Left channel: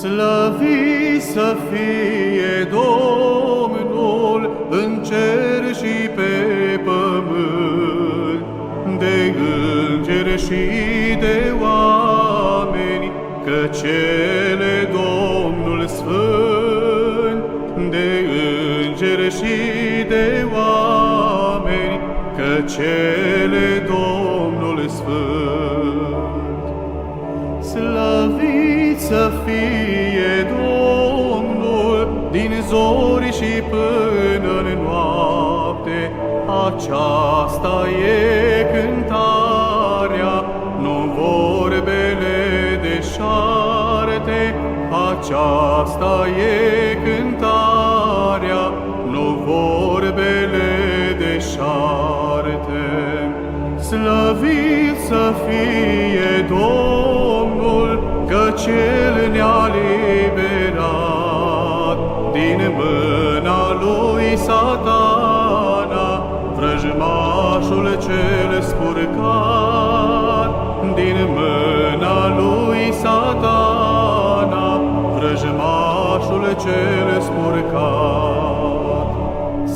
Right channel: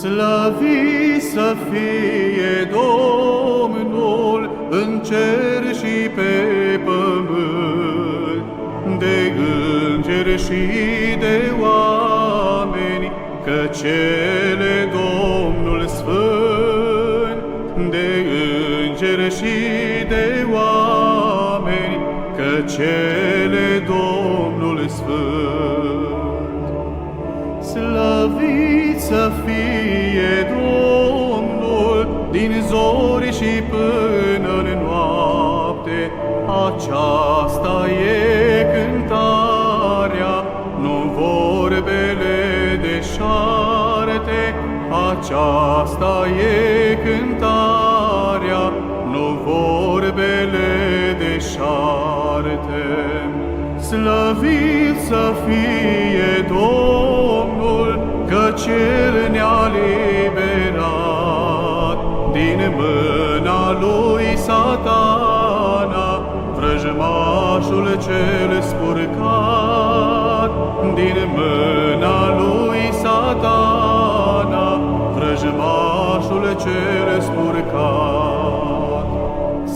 Slăvit să fie Domnul în cer și pe pământ, de îngeri și de oameni, că cele Domnul Sfânt, de îngeri și de oameni, că cele Domnul Sfânt. Slăvit să fie Domnul din zori și până în noapte, aceasta e cântarea, nu vorbele deșarte, aceasta e cântarea, nu vorbele deșarte. Slăvit să fie Domnul, căci El ne-a liberat din mâna lui Satana, vrăjmașul cel spurcat. Din mâna lui Satana, vrăjmașul cel spurcat.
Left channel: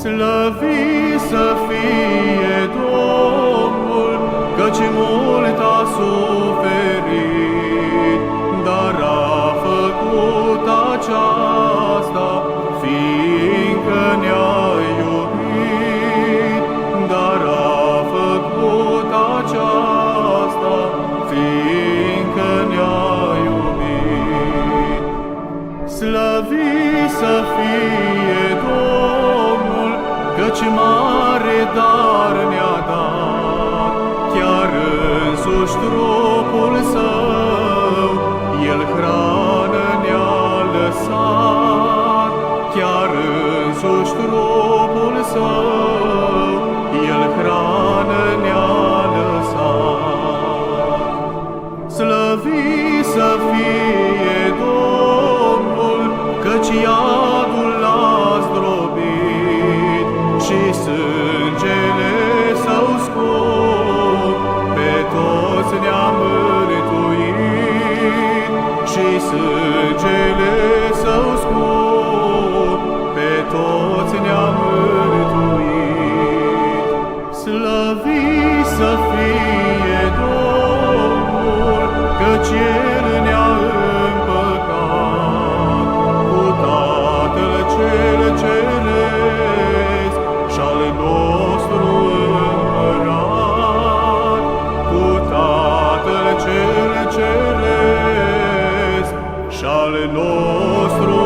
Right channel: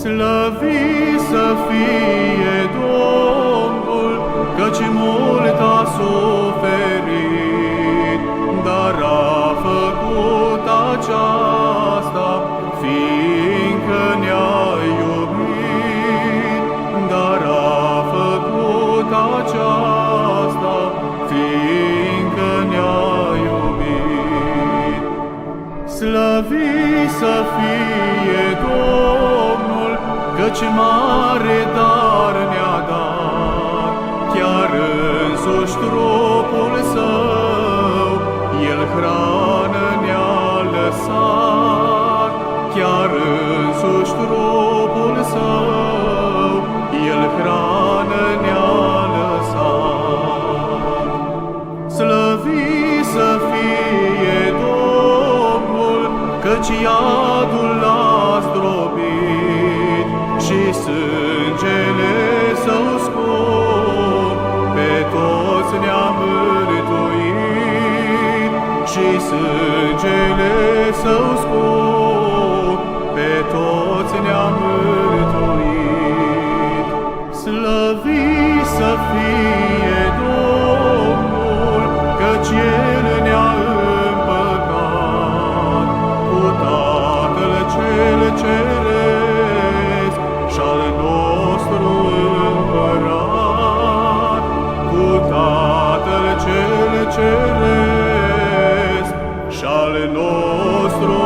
Slăvit să fie Domnul, căci mult a suferit, dar a făcut aceasta, fiindcă ne-a iubit. Dar a făcut aceasta, fiindcă ne-a iubit. Slăvit să fie Domnul, căci mare dar ne-a dat, chiar însuși trupul Său, El hrană ne-a lăsat. Chiar însuși trupul Său, El hrană ne-a lăsat. Slăvit să fie Domnul, căci iadul l-a zdrobit și sângele Său scump pe toți ne-a mântuit. Și sângele Său scump pe toți ne-a mântuit. Slăvit să fie Domnul, căci El ne-a împăcat cu Tatăl cel Ceresc și-al nostru Împărat, cu Tatăl cel Ceresc și-al nostru